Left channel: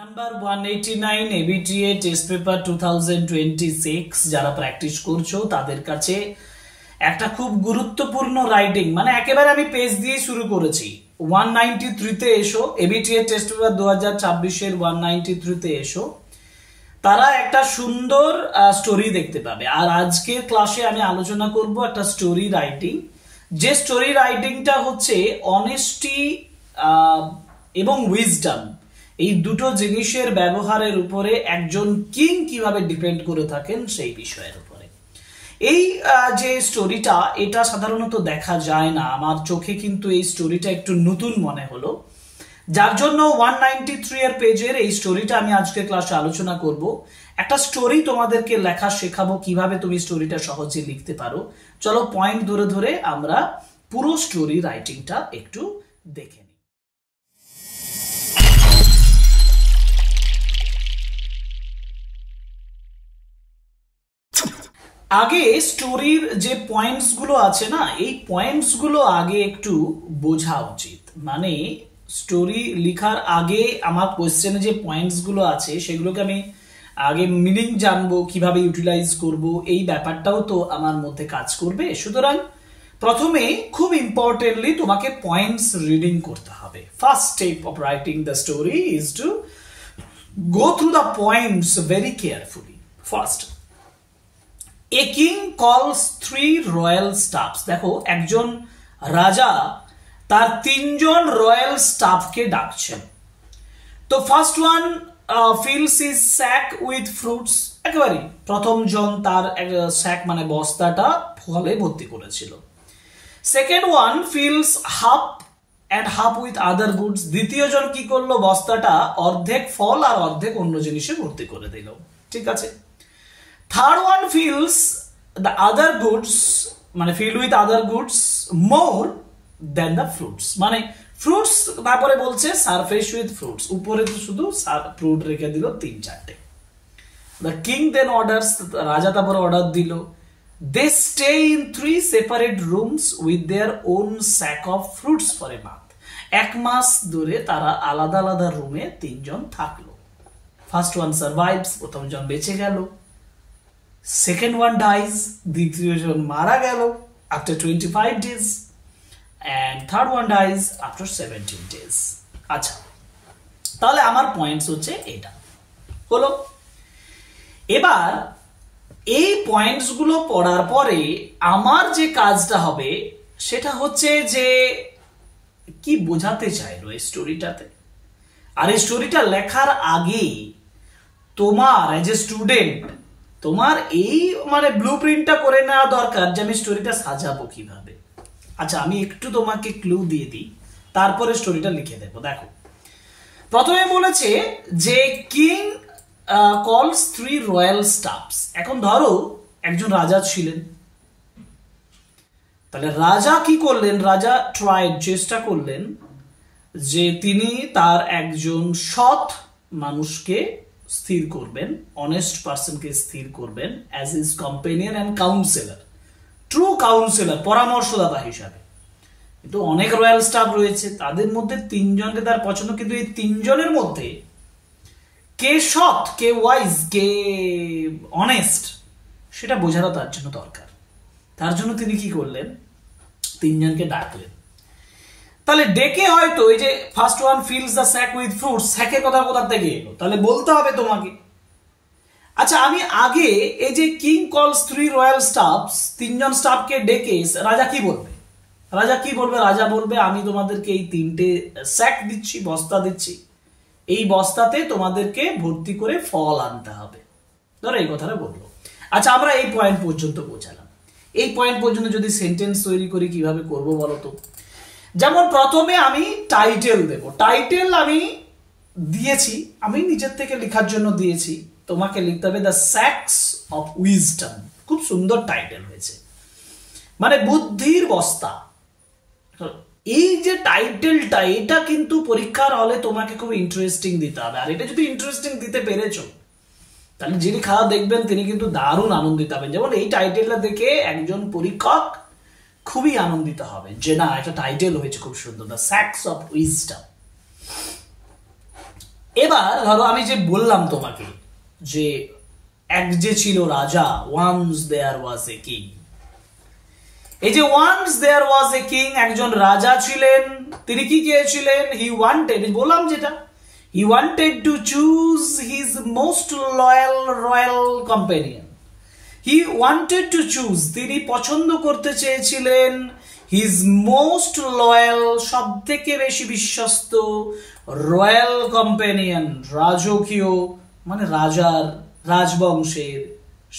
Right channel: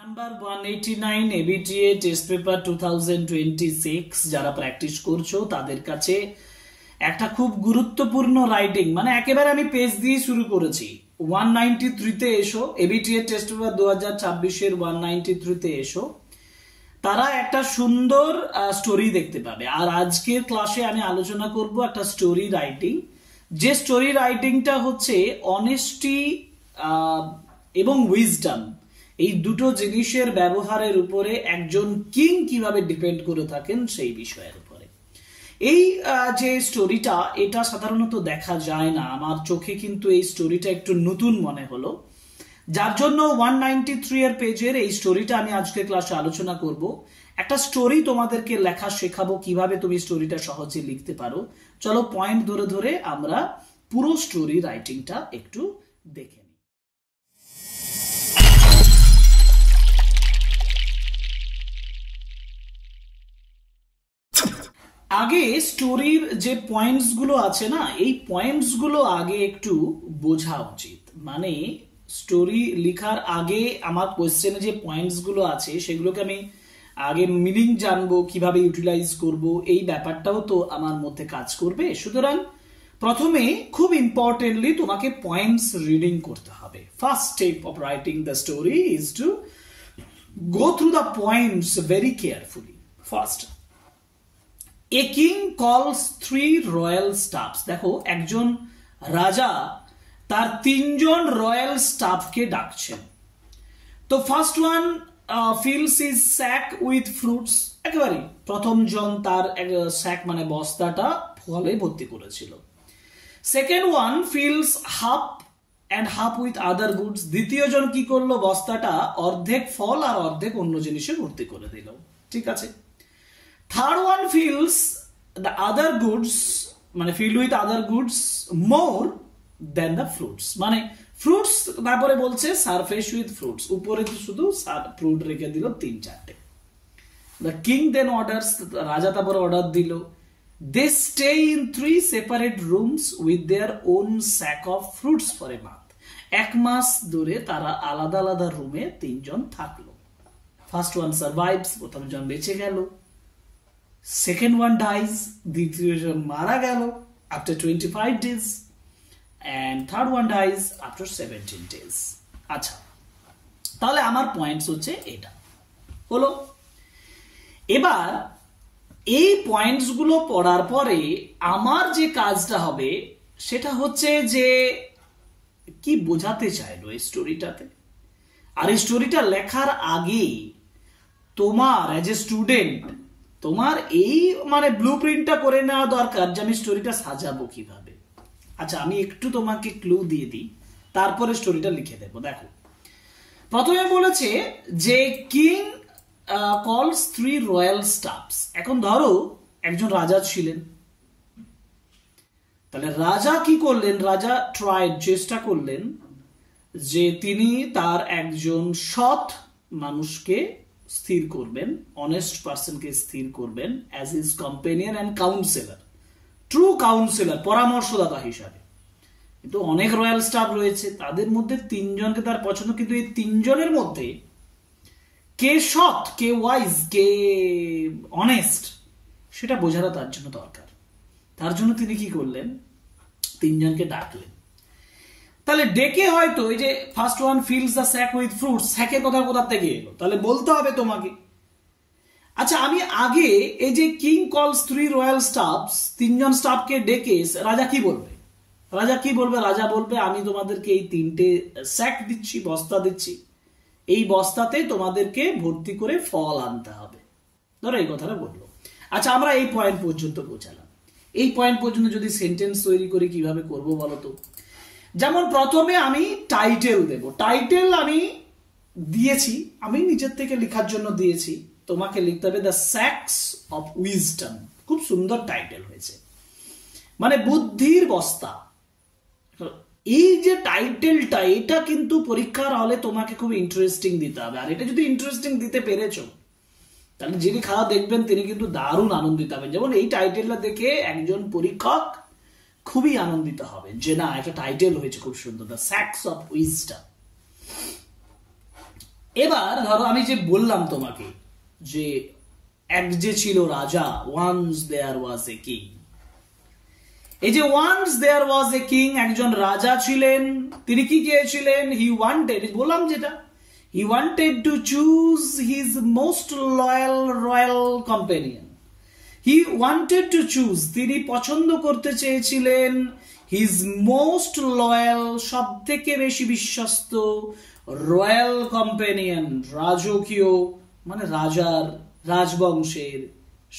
Number 189 ABTA test paper 2026 যারা practice করছো তাদের কাছে একটা খুব গুরুত্বপূর্ণ রাইটিং, মানে একেবারে আমি পেজ দিয়ে শুরু করেছি। 193 তে এসো, এবিটিএ টেস্ট পেপার 2026 এর 193 তে এসো, তারা একটা সুন্দর স্টোরি দেখতে পাবে। আর আজকের ক্লাসে আমি আলোচনা করব একটা স্টোরি রাইটিং, যে স্টোরি রাইটিংটা হচ্ছে অনেস্টি এবং উইজডম, এই দুটো জিনিসের ব্যবহারের উপরে একজন কিং কিভাবে ডিপেন্ড করে থাকেন সেই বিষয়ের উপরে। এই যে স্টোরিটা, এটা সাধারণত দেখা যায় না, আমার চোখে কিন্তু এই স্টোরিটা একটু নতুন মনে হলো, যার জন্য 193 এর পেজের এই স্টোরিটা আমি আজকে ক্লাসে আলোচনা করব। একটা স্টোরি তোমাদেরকে লেখা শেখাবো, কিভাবে তুমি স্টোরিটা সহজে লিখতে পারো। চলো পয়েন্ট ধরে ধরে আমরা পুরো স্টোরি রাইটিংটা একটু দেখে নিই। আগে স্টোরির যে পয়েন্টস গুলো আছে না, এই পয়েন্টস গুলো আগে একটু বোঝা উচিত। মানে স্টোরি লেখার আগে আমার কোশ্চেনে যে পয়েন্টস গুলো আছে সেগুলোকে আমি আগে মিনিং জানবো, কিভাবে ইউটিলাইজ করব, এই ব্যাপারটাও তো আমার মধ্যে কাজ করবে। সুতরাং প্রথমে খুব ইম্পর্টেন্টলি তোমাকে পয়েন্টস রিডিং করতে হবে। First step of writing the story is to go through the points very carefully. First, A king calls 3 royal staffs. দেখো, একজন রাজা তার 3 জন রয়্যাল স্টাফকে ডাকছেন। তো first one fills his sack with fruits. একেবারে প্রথম জন তার স্যাক মানে বস্তাটা ফলে ভর্তি করেছিল। Second one fills half and half with other goods. দ্বিতীয় জন কি করলো, বস্তাটা অর্ধেক ফল আর অর্ধেক অন্য জিনিসে ভর্তি করে দিল। ঠিক আছে। Third one fills the other goods, মানে filled with other goods more than the fruits. মানে fruits তারপরে বলছে surface with fruits, উপরে তো শুধু ফ্রুট রেখে দিল 3-4টে। The king then orders, রাজা তারপরে অর্ডার দিল, they stay in 3 separate rooms with their own sack of fruits for a month. 1 মাস ধরে তারা আলাদা আলাদা রুমে 3 জন থাকলো। First one survives, প্রথম জন বেঁচে গেল। Second one dies, দ্বিতীয় জন মারা গেল after 25 days, and third one dies after 17 days. আচ্ছা, তাহলে আমার পয়েন্টস হচ্ছে এটা হলো। এবার এই পয়েন্টস গুলো পড়ার পরে আমার যে কাজটা হবে সেটা হচ্ছে যে কি বোঝাতে চাইলো এই স্টোরিটাতে। আর এই স্টোরিটা লেখার আগে তোমার এজ এ স্টুডেন্ট তোমার এই মানে ব্লুপ্রিন্টটা করে নেওয়া দরকার যে আমি স্টোরিটা সাজাবো কিভাবে। আচ্ছা, আমি একটু তোমাকে ক্লু দিয়ে দিই, তারপরে স্টোরিটা লিখে দেবো। দেখো, প্রথমে বলেছে যে কিং কলস 3 রয়্যাল স্টাফস। এখন ধরো একজন রাজা ছিলেন, তাহলে রাজা কি করলেন, রাজা ট্রাইড, চেষ্টা করলেন যে তিনি তার একজন সৎ মানুষকে স্থির করবেন, অনেস্ট পার্সনকে স্থির করবেন as his companion and councillor, true councillor, পরামর্শদাতা হিসাবে। কিন্তু অনেক রয়্যাল স্টাফ রয়েছে, তাদের মধ্যে 3 জনকে তার পছন্দ, কিন্তু এই 3 জনের মধ্যে কে সৎ, কে ওয়াইজ, কে অনেস্ট, সেটা বোঝাটা তার জন্য দরকার। তার জন্য তিনি কি করলেন, 3 জনকে ডাকলেন। তাহলে ডেকে হয়তো এই যে first one fills the sack with fruits, স্যাকের কথা কোথা থেকে এলো, তাহলে বলতে হবে তোমাকে। আচ্ছা, আমি আগে এই যে কিং কলস 3 রয়্যাল স্টাফস, 3 জন স্টাফকে ডেকে রাজা কি বলবে, রাজা কি বলবে, রাজা বলবে আমি তোমাদেরকে এই 3টে স্যাক দিচ্ছি, বস্তা দিচ্ছি, এই বস্তাতে তোমাদেরকে ভর্তি করে ফল আনতে হবে, ধরো এই কথাটা বলবো। আচ্ছা, আমরা এই পয়েন্ট পর্যন্ত পৌঁছালাম। এই পয়েন্ট পর্যন্ত যদি সেন্টেন্স তৈরি করি কিভাবে করব বলো তো। যেমন প্রথমে আমি টাইটেল দেব, টাইটেল আমি দিয়েছি, আমি নিজের থেকে লেখার জন্য দিয়েছি, তোমাকে লিখতে হবে দ্য স্যাকস অফ উইজডম। খুব সুন্দর টাইটেল হয়েছে, মানে বুদ্ধির বস্তা। এই যে টাইটেলটা, এটা কিন্তু পরীক্ষার হলে তোমাকে খুব ইন্টারেস্টিং দিতে হবে। আর এটা যদি ইন্টারেস্টিং দিতে পেরেছো, তাহলে যিনি খাওয়া দেখবেন তিনি কিন্তু দারুণ আনন্দিত হবেন। যেমন এই টাইটেলটা দেখে একজন পরীক্ষক খুবই আনন্দিত হবে যে না, একটা টাইটেল হয়েছে খুব সুন্দর, দ্য স্যাকস অফ উইজডম। এবার ধরো আমি যে বললাম তোমাকে যে এক যে ছিল রাজা, once there was a king, এই যে once there was a king, একজন রাজা ছিলেন, তিনি কি চেয়েছিলেন? হি ওয়ান্টেড, বললাম যেটা, he wanted to choose his most loyal royal companion. He wanted to choose, তিনি পছন্দ করতে চেয়েছিলেন হিজ মোস্ট লয়াল, সব থেকে বেশি বিশ্বস্ত, রয়্যাল কম্পেনিয়ন, রাজকীয় মানে রাজার রাজবংশের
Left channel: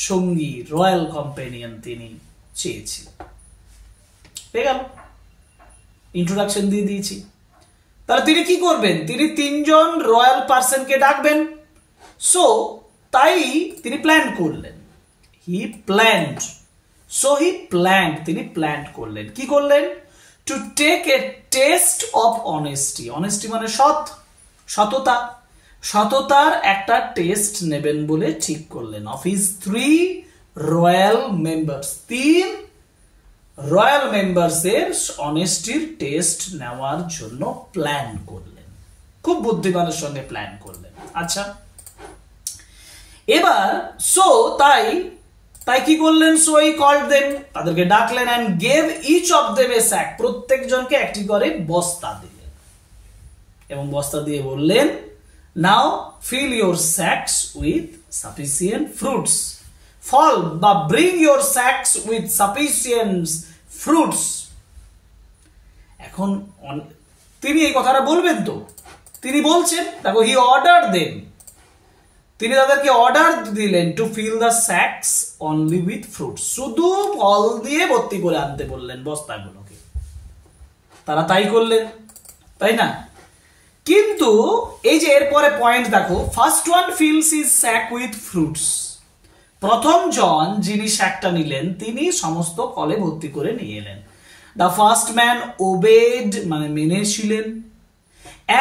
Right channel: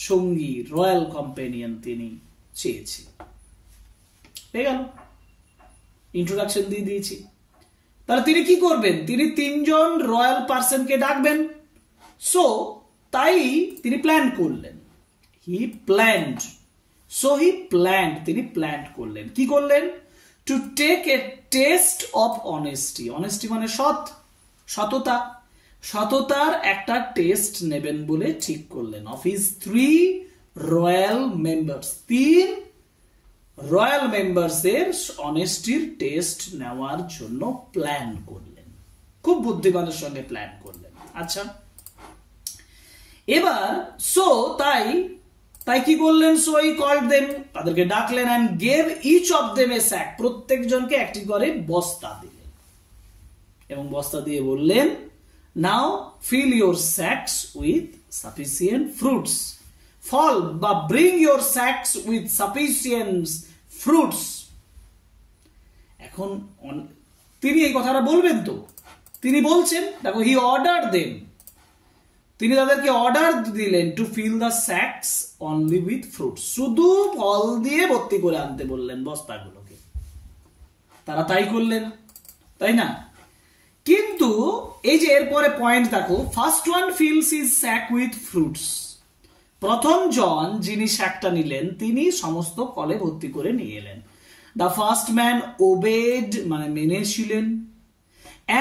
সঙ্গী, রয়্যাল কম্পেনিয়ন তিনি চেয়েছিলেন। পেয়ে গেল, ইন্ট্রোডাকশন দিয়ে দিয়েছি। তাহলে তিনি কি করবেন? তিনি তিনজন রয়্যাল পার্সনকে ডাকবেন। সো তাই তিনি প্ল্যান করলেন, he planned, so he planned, তিনি প্ল্যান করলেন, কি করলেন? To take a test of honesty, honesty মানে সৎ, সততা, সততার একটা টেস্ট নেবেন বলে ঠিক করলেন। Of his 3 royal members, 3 royal মেম্বার্সের অনেস্টির টেস্ট নেওয়ার জন্য প্ল্যান করলেন, খুব বুদ্ধিমানের সঙ্গে প্ল্যান করলেন। আচ্ছা, এবার সো তাই কি করলেন? সো হি কল্ড দেম, তাদেরকে ডাকলেন, and gave each of them a sack, প্রত্যেকজনকে একটি করে বস্তা দিলেন এবং বস্তা দিয়ে বললেন, now fill your sacks with sufficient fruits, ফল বা bring your sacks with sufficient fruits. এখন তিনি এই কথাটা বলবেন তো, তিনি বলছেন, দেখো, হি অর্ডার দেম, তিনি তাদেরকে অর্ডার দিলেন to fill the sacks only with fruits, শুধু ফল দিয়ে ভর্তি করে আনতে বললেন বস্তাগুলোকে। তারা তাই করলেন, তাই না? কিন্তু এই যে এরপরে পয়েন্ট দেখো, first one fills his sack with fruits, প্রথম জন যিনি স্যাকটা নিলেন তিনি সমস্ত ফলে ভর্তি করে নিয়ে এলেন। দ্য ফার্স্ট ম্যান ওবেড মানে মেনেছিলেন,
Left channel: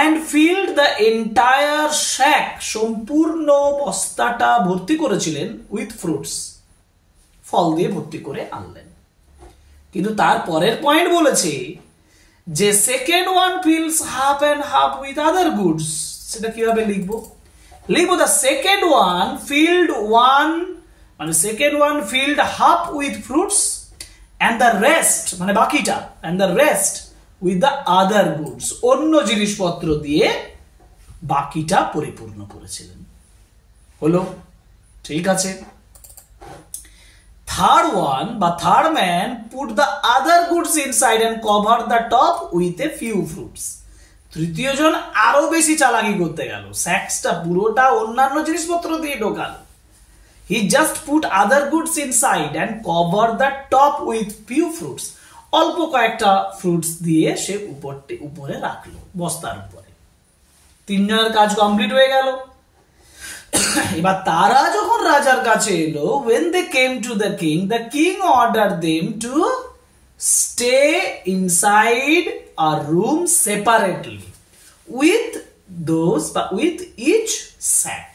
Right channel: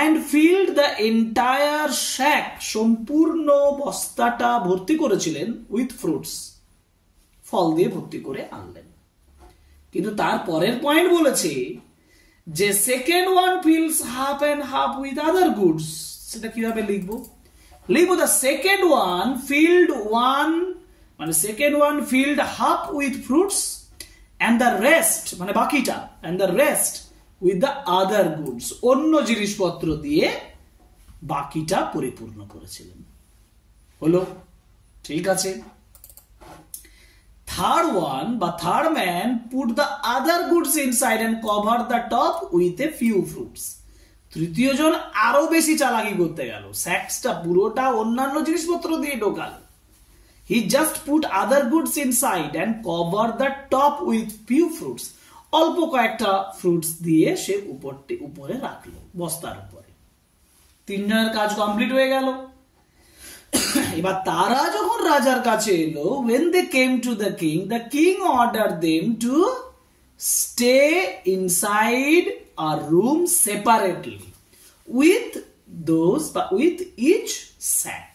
and filled the entire sack, সম্পূর্ণ বস্তাটা ভর্তি করেছিলেন উইথ ফ্রুটস, ফল দিয়ে ভর্তি করে আনলেন। কিন্তু তার পরের পয়েন্ট বলেছে যে second one fills half and half with other goods. সেটা কিভাবে লিখবো? লিখবো the second one filled one মানে second one filled half with fruits and the rest মানে বাকিটা, and the rest with the other goods, অন্য জিনিসপত্র দিয়ে বাকিটা পরিপূর্ণ করেছিলেন। হলো, ঠিক আছে। থার্ড ওয়ান বা third man put the other goods inside and cover the top with a few fruits. তৃতীয় জন আরো বেশি চালাকি করতে গেল, স্যাক্সটা পুরোটা অন্যান্য জিনিসপত্র দিয়ে ঢোকাল। He just put other goods inside and cover the top with few fruits, অল্প কয়েকটা ফ্রুটস দিয়ে সে উপরে রাখলো, বস্তার উপরে। তিনজনের কাজ কমপ্লিট হয়ে গেল। এবার তারা যখন রাজার কাছে এলো, when they came to the king ordered them to stay inside a room separately with each sack.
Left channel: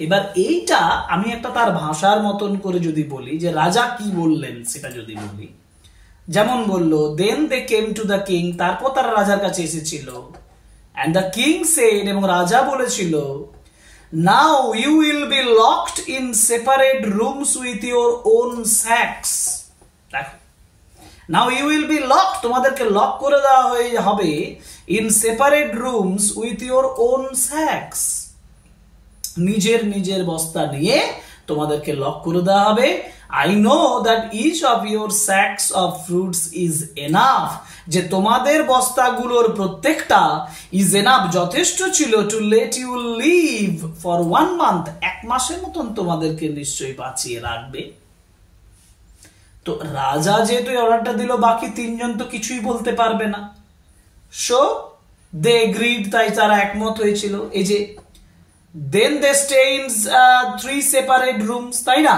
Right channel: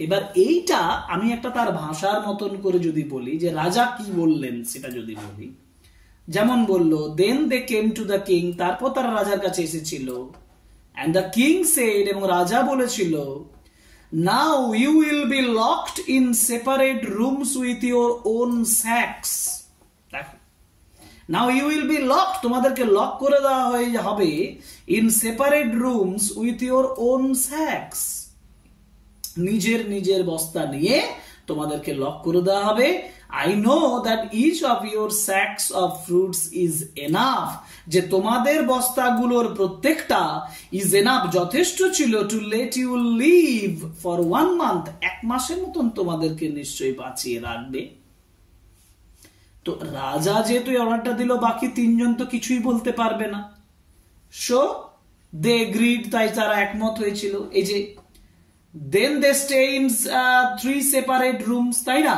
এবার এইটা আমি একটা তার ভাষার মতন করে যদি বলি, যে রাজা কি বললেন সেটা যদি বলি, যেমন বললো then they came to the king, তারপর তারা রাজার কাছে এসেছিল, and the king said, এবং রাজা বলেছিল, now you will be locked in separate rooms with your own sacks. Now you will be locked, তোমাদেরকে লক করে দেওয়া হবে in separate rooms with your own sacks, নিজের নিজের বস্তা নিয়ে তোমাদেরকে লক করে দেওয়া হবে। I know that each of your sacks of fruits is enough, যে তোমাদের বস্তাগুলোর প্রত্যেকটা is enough, যথেষ্ট ছিল to let you live for 1 month, 1 মাসের মতন তোমাদেরকে নিশ্চয়ই বাঁচিয়ে রাখবে। তো রাজা যেহেতু অর্ডারটা দিল, বাকি তিনজন তো কিছুই বলতে পারবে না, so they agreed, তাই তারা একমত হয়েছিল। এই যে then they stay in 3 separate rooms, তাই না?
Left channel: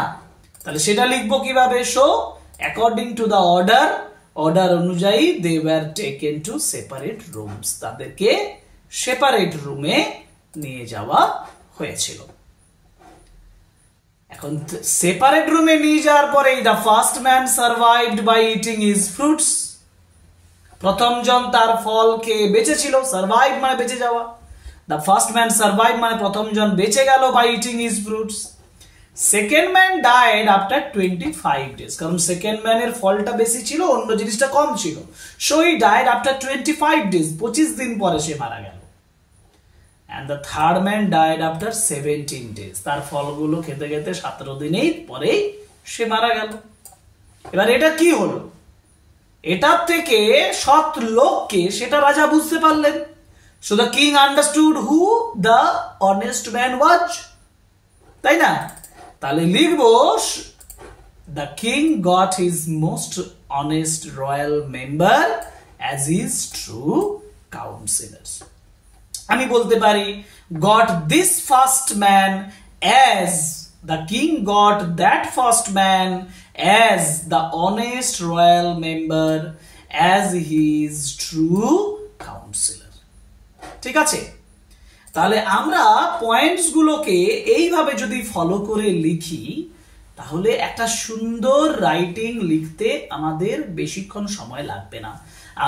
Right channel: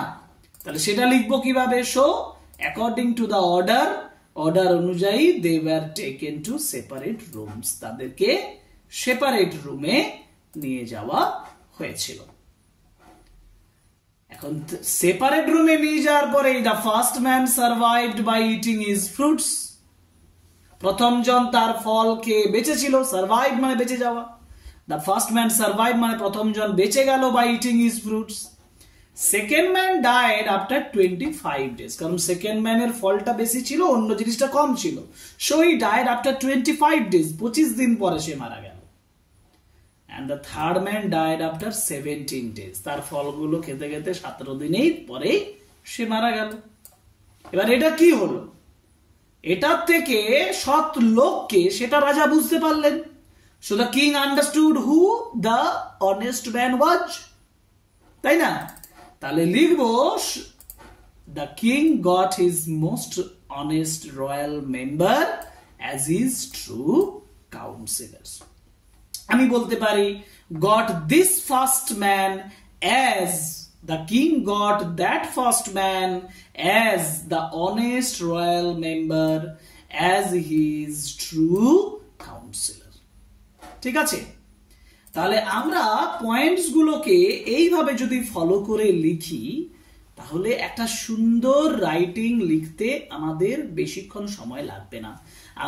তাহলে সেটা লিখবো কিভাবে? so according to the order অনুযায়ী they were taken to separate rooms, তাদেরকে সেপারেট রুমে নিয়ে যাওয়া হয়েছিল। এখন সেপারেট রুমে নিয়ে যাওয়ার পরে the first man survived by eating his fruits, প্রথম জন তার ফল খেয়ে বেঁচে ছিল, সার্ভাইভ মানে বেঁচে যাওয়া। দ্য ফার্স্ট ম্যান সার্ভাইভ মানে প্রথম জন বেঁচে গেল by eating his fruits. Second man died after 25 days, কারণ সেকেন্ড ম্যানের ফলটা বেশি ছিল, অন্য জিনিসটা কম ছিল। So he died after 25 days, 25 দিন পরে সে মারা গেল। And the third man died after 17 days, তার ফলগুলো খেতে খেতে 17 দিনেই পরে সে মারা গেল। এবার এটা কি হলো? এটার থেকে সৎ লোককে সেটা রাজা বুঝতে পারলেন। So the king understood who the honest man was, তাই না? তাহলে লিখবো the king got his most honest royal member as his true counselors। আমি বলতে পারি got this first man as, the king got that first man as the honest royal member as his true counselor। ঠিক আছে, তাহলে আমরা points গুলোকে এইভাবে যদি ফলো করে লিখি তাহলে একটা সুন্দর রাইটিং লিখতে আমাদের বেশিক্ষণ সময় লাগবে না।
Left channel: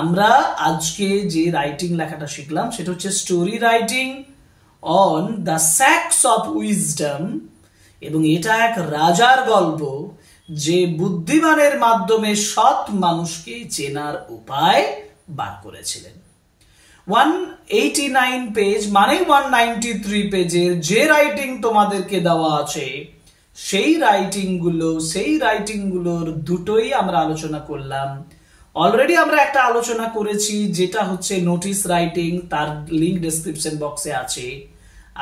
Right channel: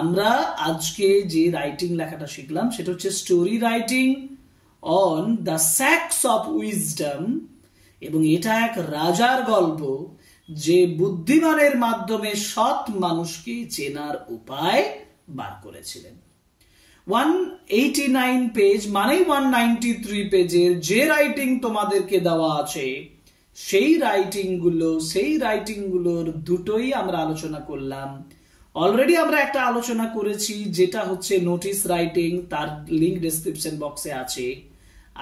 আমরা আজকে যে রাইটিং লেখাটা শিখলাম সেটা হচ্ছে story writing on the sacks of wisdom, এবং এটা এক রাজার গল্প যে বুদ্ধিমানের মাধ্যমে সৎ মানুষকে চেনার উপায় বার করেছিলেন। 189 পেজ মানে 193 পেজের যে রাইটিং তোমাদেরকে দেওয়া আছে সেই রাইটিংগুলোর দুটোই আমরা আলোচনা করলাম। অলরেডি আমরা একটা আলোচনা করেছি যেটা হচ্ছে নোটিস রাইটিং, তার লিংক ডেসক্রিপশন বক্সে আছে।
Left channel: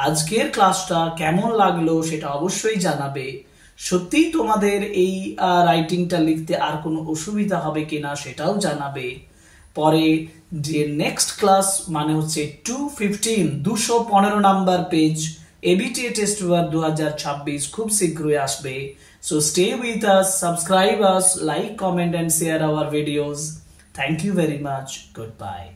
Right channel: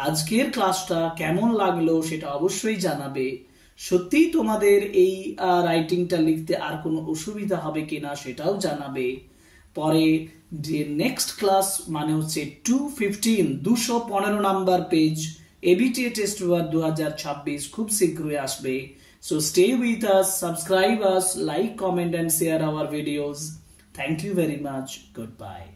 আজকের ক্লাসটা কেমন লাগলো সেটা অবশ্যই জানাবে। সত্যি তোমাদের এই রাইটিংটা লিখতে আর কোনো অসুবিধা হবে কিনা সেটাও জানাবে। পরে যে নেক্সট ক্লাস মানে হচ্ছে 215 number page ABTA test paper 2026 খুব শীঘ্রই আসবে। So stay with us, subscribe us, like, comment and share our videos. Thank you very much. Goodbye.